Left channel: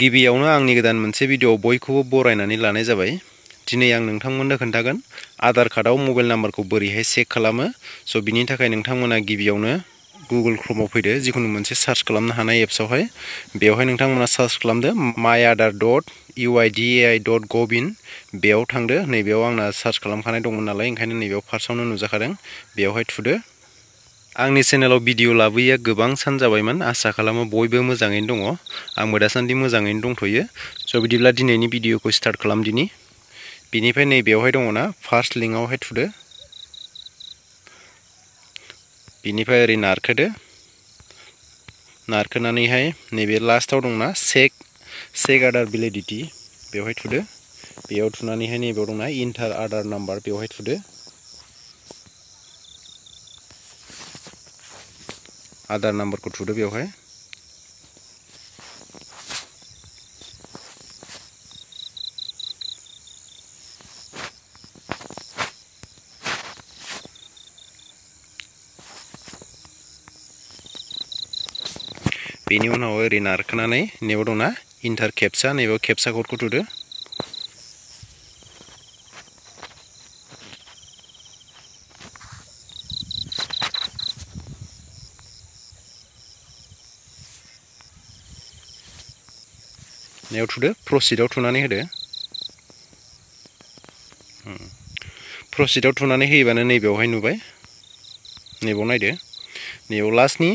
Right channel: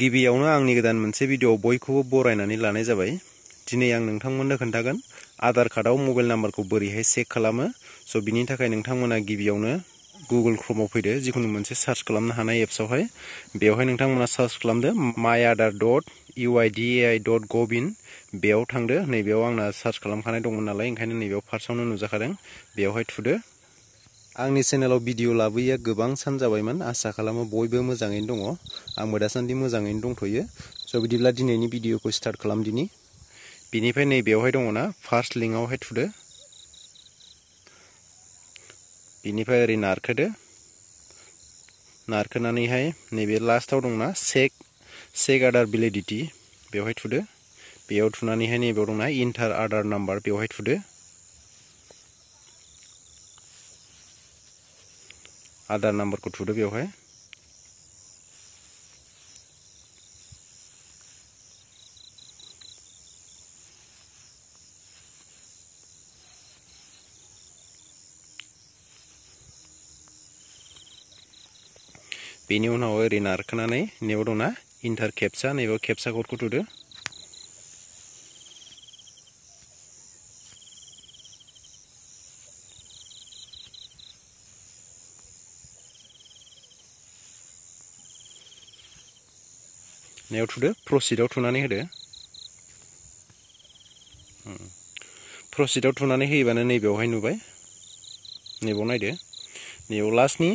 गिबियावनो आंनि गोदान मोनसे भिडिअ बयखौबो बरायनानै लानाय जाबाय। दिनै आं नोंथांमोननो खोन्थागोन आधार कार्डआव मबाइल नाम्बारखौ बोरैहाय चेक खालामो। स' बिनि थाखाय नोंथांमोना गिबियावनो गुगल क्रोमआव फैदो, जिखुनु मोनसे सार्च खालामनो हानाय एप्सआवहाय। बेवहाय नोंथांमोना सार्च खालामदो myaadhar.uidi.gov.in बेयाव थांदो। नैबेयाव आंना सार्च खालामखानाय दंमोन नालाय, ओंखायनो नैबेयाव फार्स्टआवनो नुजाखादों, बेवहाय थुदो। आंनि चेनेलाव भिडिअ लाबोयैया गोबां सान जाबायमोन, आसा खालामो बयबो मोजाङैनो दङ। आंबो दासान्दि मोजाङैनो दंथ'यो। स' बिदिब्ला दिनैनि भिडिअखौ स्टार्ट खालामदिनि। बिनिफ्राय नैबेयावहाय दङना फार्स्ट लिंकआवहाय थुदो। बिनिफ्राय ओरै नारखोदो। नारखोनानैहाय नैबे लास्टआव दंना चेक आधार भेलिडिटि, बेवहाय थुदो। बेयाव थुनानैहाय नैबेयाव दंना इन्टार आधार नाम्बार, बेवहाय थुदो। आधार नाम्बारखौ थुदो बेवहाय। बेनि उनाव ओरै नारखोनानै नैबेयाव दंना इन्टार केपचा, नैबेयाव केपचा क'डखौ थुदो। नैयाव थुदो, प्रसिडआव थुनानै होदो। प्रसिडआव थुनानै होयोबानो नैबेयावहाय नुबाय। नैबेयाव नायदो, नैबेयाव लास्टनि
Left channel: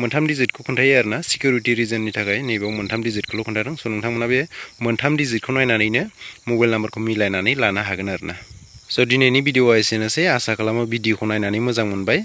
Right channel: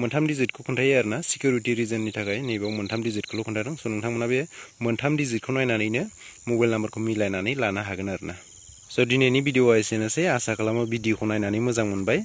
मोनथाम डिजिटखौ खोन्थायो आरोना, सिकिउरिटि रिजननि थाखाय नैबेयाव मोनथाम डिजिटखौल' खोन्थादों। स' नोंथांमोना बे मोनथाम डिजिटखौ नायनानैनो मबाइल नाम्बारखौ मिलायनानै लानो हागोन आरोना। स' दिनैनि भिडिअआ एसेनोसै। आसा खालामो भिडिअखौ नायनानै मोजां मोनबाय।